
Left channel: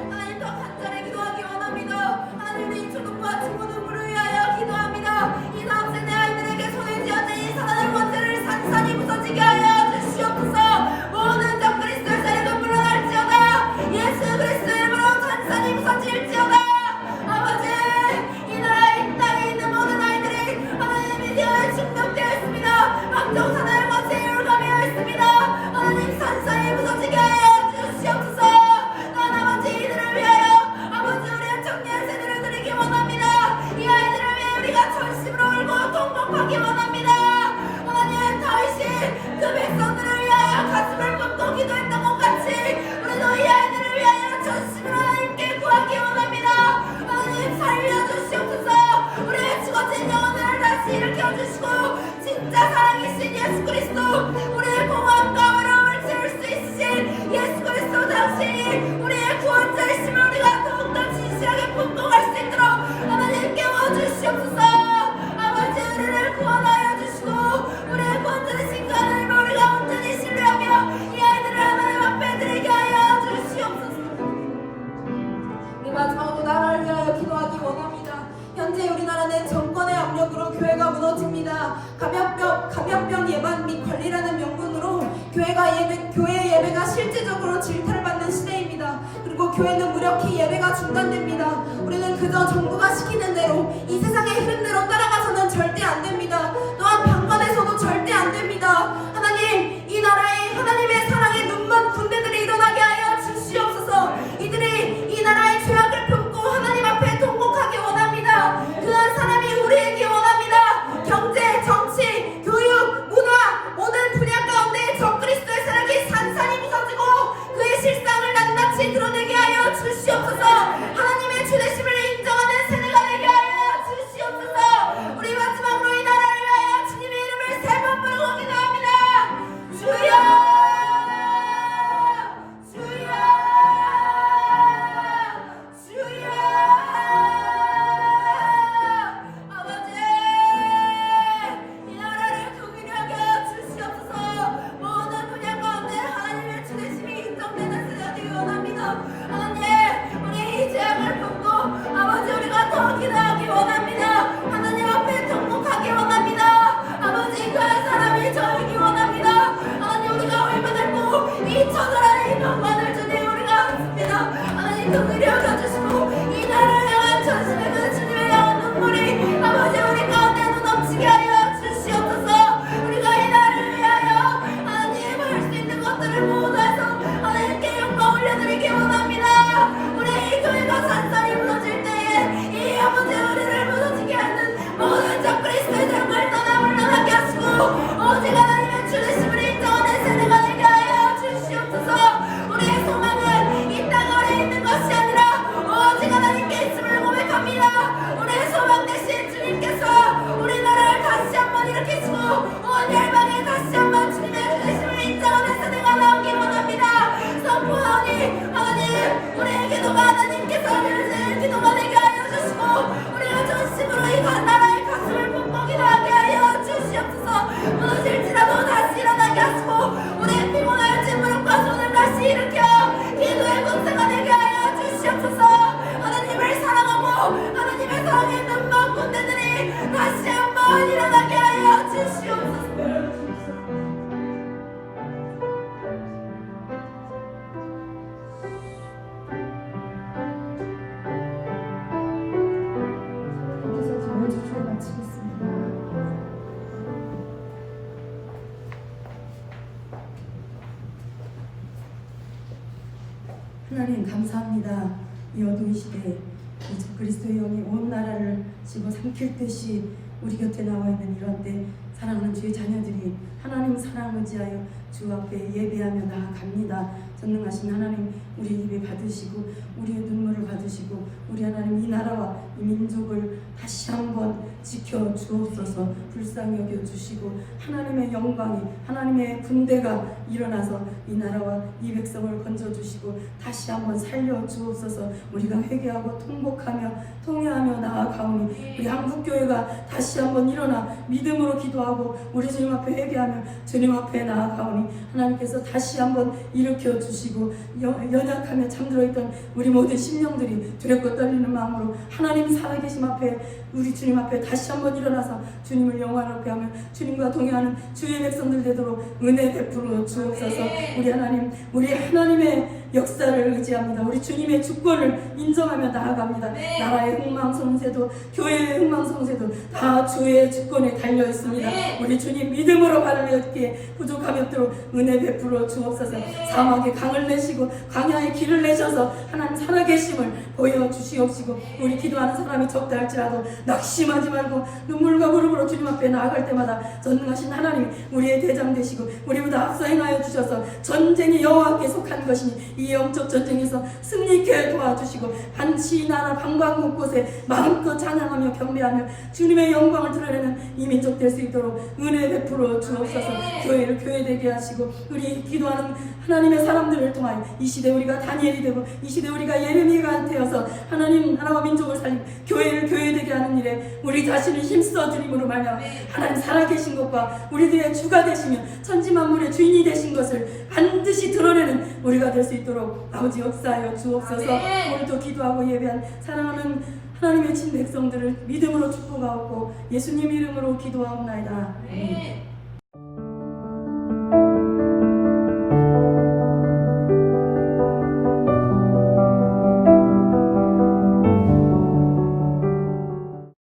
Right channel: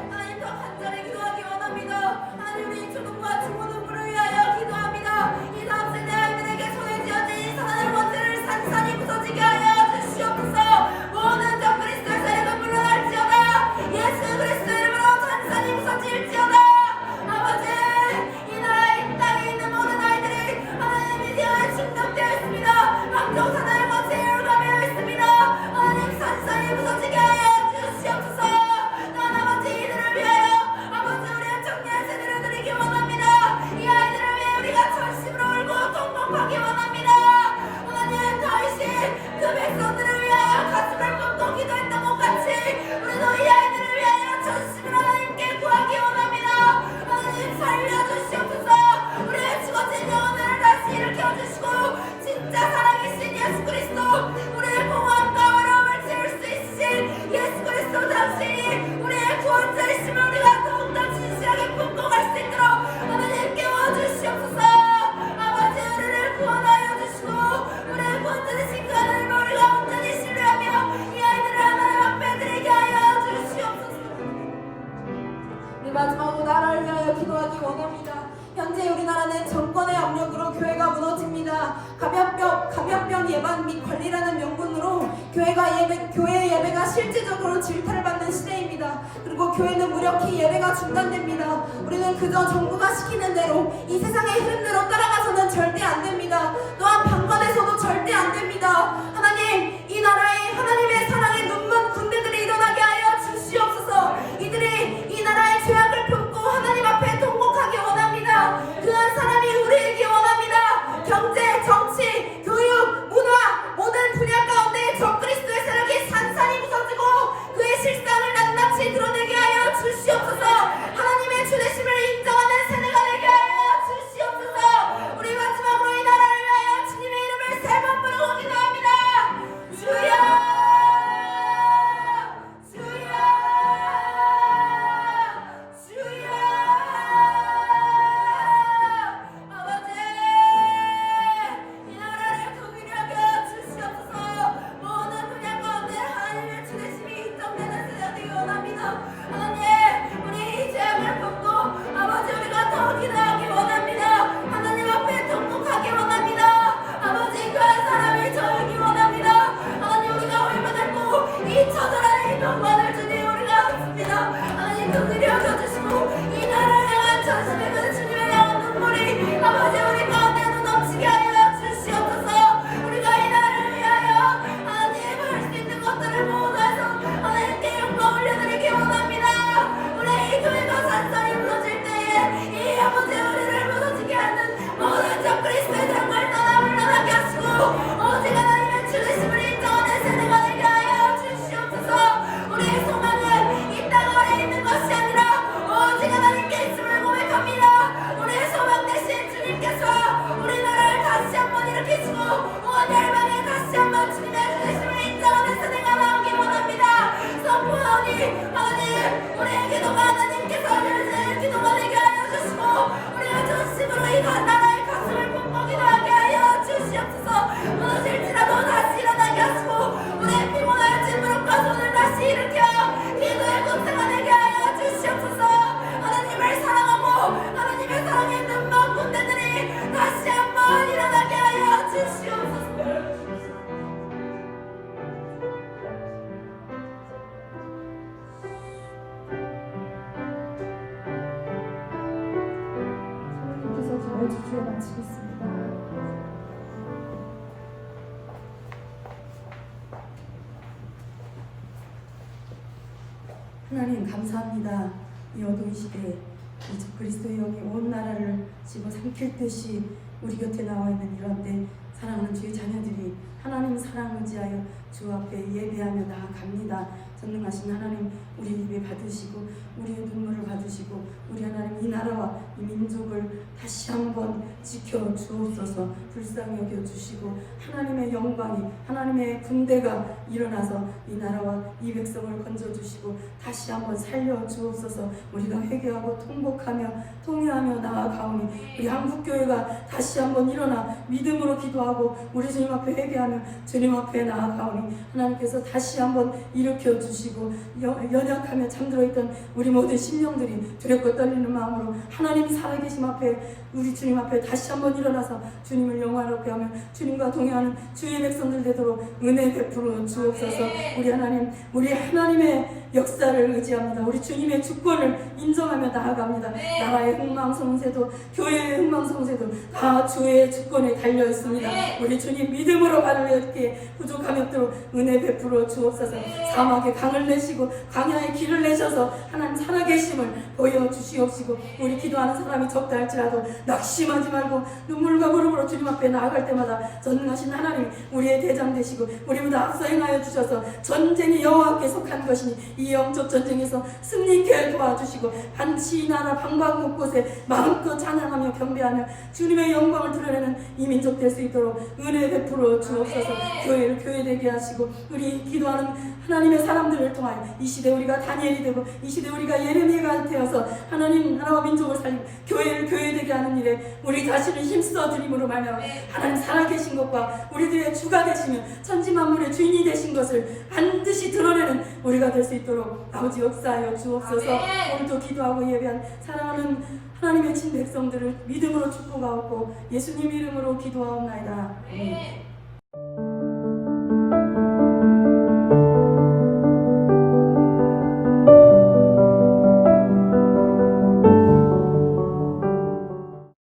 하나님, 더 간절히 기도하기 원합니다. 하나님, 우리 초등부와 중고등부를 위하여 기도합니다. 이 다음 세대 아이들에게 손에 쥐어진 이 사단의 권세를 산산이 부서지게 하여 주시옵소서. 모든 적그리스도의 세력은 물러날지어다. 예수 그리스도 이름으로 산산이 부서질지어다. 아버지, 이 나라, 이 땅에 있는 모든 아이들이 하나님 미디어에 중독되어 있습니다. 각종 사단의 권세에 율감되어 있습니다. 하나님, 산산이 부서지게 하여 주시옵소서. 난 아버지, 이들을 위하여 아버지, 우리의 청년 세대를 드리기 원합니다. 이 아이들을 위해 우리가 전심으로 울고 통곡하기 원합니다. 하나님, 다윗이 그 백성들을 위하여 가슴을 뻥뻥 기도했던 것 같이 우리도 이 아이들을 위하여 전심으로 하나님께 구하기 원합니다. 하나님, 살려주시옵소서. 우리의 죽어진 영혼을 다시 일으켜주시고 진짜 살아계신 예수 그리스도, 우리의 공허함과 외로움을 채울 수 있으신 예수 그리스도 당신이 우리의 구원자이심을 우리가 더욱더 진실하게 품고갈 수 있도록 하나님 깨워주시옵소서. 아버지, 우리를 구원하여 주시고 우리의 구원자이신 그 하나님을 우리가 온전히 신뢰하며 이 아이들을 하나님 앞에 드리게 하여 주시옵소서. 우리 마지막으로 나라를 위하여 기도하기 원합니다. 현재 우리나라는 정권의 압력으로 교회가 무너집니다. 감염병 예방 및 관리라는 명분으로 교회 예배가 실질적으로 질타를 받는 시대입니다. 그리고 교회는 무력히 예배가 중단됩니다. 우리는 그저 정부가 시키는 대로 이 세상의 흐름대로 따라가서는 절대 안 됩니다. 또한 방관해서도 절대 안 됩니다. 하나님, 이 나라에 하나님의 사랑에 눈먼 군대들이 일어나게 하여 주시옵소서. 이들이 이 나라의 죄악을 품고 하나님 앞에 통곡하기 원합니다. 그한 사람이 우리에게 원합니다. 경제, 정치, 교육, 문화 모든 분야 가운데 적그리스도의 세력이 산산이 부서지고 그의 실상을 낱낱이 드러내게 하여 주시옵소서. 하나님의 주되심을 인정하는 세대가 되게 하여 주시옵소서. 우리 마지막으로 이 나라를 위하여 주님의 이름을 세 번 부르고 기도합니다. 주여, 주여, 주여. 아버지, 이 나라를 통일하게 하여 주시옵소서. 모든 분야 가운데 하나님의 주되심이 인정되는 세대가 되기 원합니다. 하나님, 우리 이 죄악을 품고 아버지 우리가 더 기도하기 원합니다. 하나님 앞에 통곡하기 원합니다. 아버지, 그한 사람이 저이기 원합니다. 하나님, 우리가 얼마나 이 처절한 이 병만을 주님 우리가 않습니다. 하나님, 통일이 여겨주시고 이 나라를 향한 전심의 그 주님의 영원 눈물이 아버지 우리 가운데 넘치게 하여 주시옵소서. 우리가 이 나라를 위하여 하나님 할 수 있는 것들을 모두 해서 하나님께 영광 올려드리기 원합니다. 우리 이 교회가 산산이 무너질 때에 이 아버지 우리를 무너지게 하는 모든 적그리스도의 세력을 떠나 물러나게 하시고 오직 하나님의 주되심을 인정하는 세대가 되게 하여 주시옵소서. 우리의 소망은 이 땅 아래에 있는 것이 아니라 오직 하나님께 있음을 고백합니다. 우리의 소망 대신 주님께서 우리나라를 다시 한번 일으키시고 온 열방에 다시 한번 주님의 주되심을 인정하는 세대가 나오기 원합니다. 선포하오니 하나님, 우리의 기도가 하나님께서 들으시는 기도가 되게 하여 주시고 우리의 전심으로 이 나라의 가슴을 품고 기도하게 하여 주시옵소서. 무너질지라도 다시 일어나게 하시고 우리의 피곤하여진 무릎과 손을 다시 일으켜 기도의 권세가 되게 하여 주시옵소서. 하나님을 사랑하고 하나님의 사랑에 눈먼 군대들이 다시 한번 일어나게 하여 주시옵소서. 여기서 저의 주를 마치겠습니다. 하나님 감사합니다. 이 어두운 시대에 이 그리스도의 영이 온 나라를 집어삼킬 듯이 우리 곁에 나와 있는 이런 때 사랑하는 주의 자녀들이 하나님 사랑 의지하여 주 앞에 예배하며 나아갑니다. 전능하신 하나님, 우리 예배 받으시고 우리의 눈물을 받으시고 우리 하나님 이 나라와 이 민족을 다시 한번 지켜 주옵소서. 불쌍히 여겨 주시고 하나님의 영광이 하나님의 군대가 일어나서 이 나라와 이 백성을 건져 주시고 다시 한번 살려 주옵소서. 우리가 회개하고 통곡하며 통회하며 나아가오니 우리 한국교회가 다시 한번 일어나 믿음으로 기도하고 우리 주님 앞에 회개하며 주님 앞에 나아가오니 하나님께서 다시 한번 일으켜 주시고 연약하며 잠들어 있던 우리 모든 심령들이 두렵고 떨리는 마음으로 하나님 살아계심 앞에 우리 주님 앞에 다시 한번 일어나서 주님을 영화롭게 하며 주님과 동행하는 주의 백성들 되도록 은혜 베풀어 주옵소서. 우리 하나님, 우리 하나님의 역사를 의지합니다. 우리 주님의 주권을 인정하며 나아갑니다. 나라의 흥망성쇠도 교회의 흥망성쇠도 다 주의 주권에 달려 있습니다. 우리 주님 믿음으로 발을 내게 부족함이 없도록 은혜 베풀어 주옵소서. 사막에 강을 내시고 광야에 길을 내셔서 하나님 살아계심을 보여주시옵시고 우리 기도하는 사람이 적다 할지라도 낙심하지 말고 눈물과 무릎으로 주님 앞에 나아갈 때마다 전능하신 하나님 우리의 대장 되시고 우리보다 앞서 행하여 주셔서 전쟁이 여호와께 속한 것이니 이 영적 전쟁에서 승리케 도와주시고 반드시 이 나라 방방 곳곳에 마음껏 찬양하며 경배하며 주님의 영광을 드러내는 이 민족 될 수 있도록 은혜 베풀어 주옵소서. 교회를 교회되게 하시고 우리 기도하는 하나님의 사람들을 통하여 이 시대 우리가 다니엘이 되고 이 시대 우리가 예레미야가 되어서 하나님 나라와 민족을 살리고 교회를 교회되게 하는 일에 우리 자신을 힘써 드림으로 말미암아 하나님 살아계신 것과 우리들의 주가 되시며 천지만물의 주인이 되신 것을 반드시 드러내는 우리가 될 수 있도록 아버지 역사하여 주옵소서. 오늘도 기도하고 예배한 사랑하는 하나님의 친 백성들을 믿음으로 축복하옵고 예수님 이름으로 기도하옵나이다. 아멘.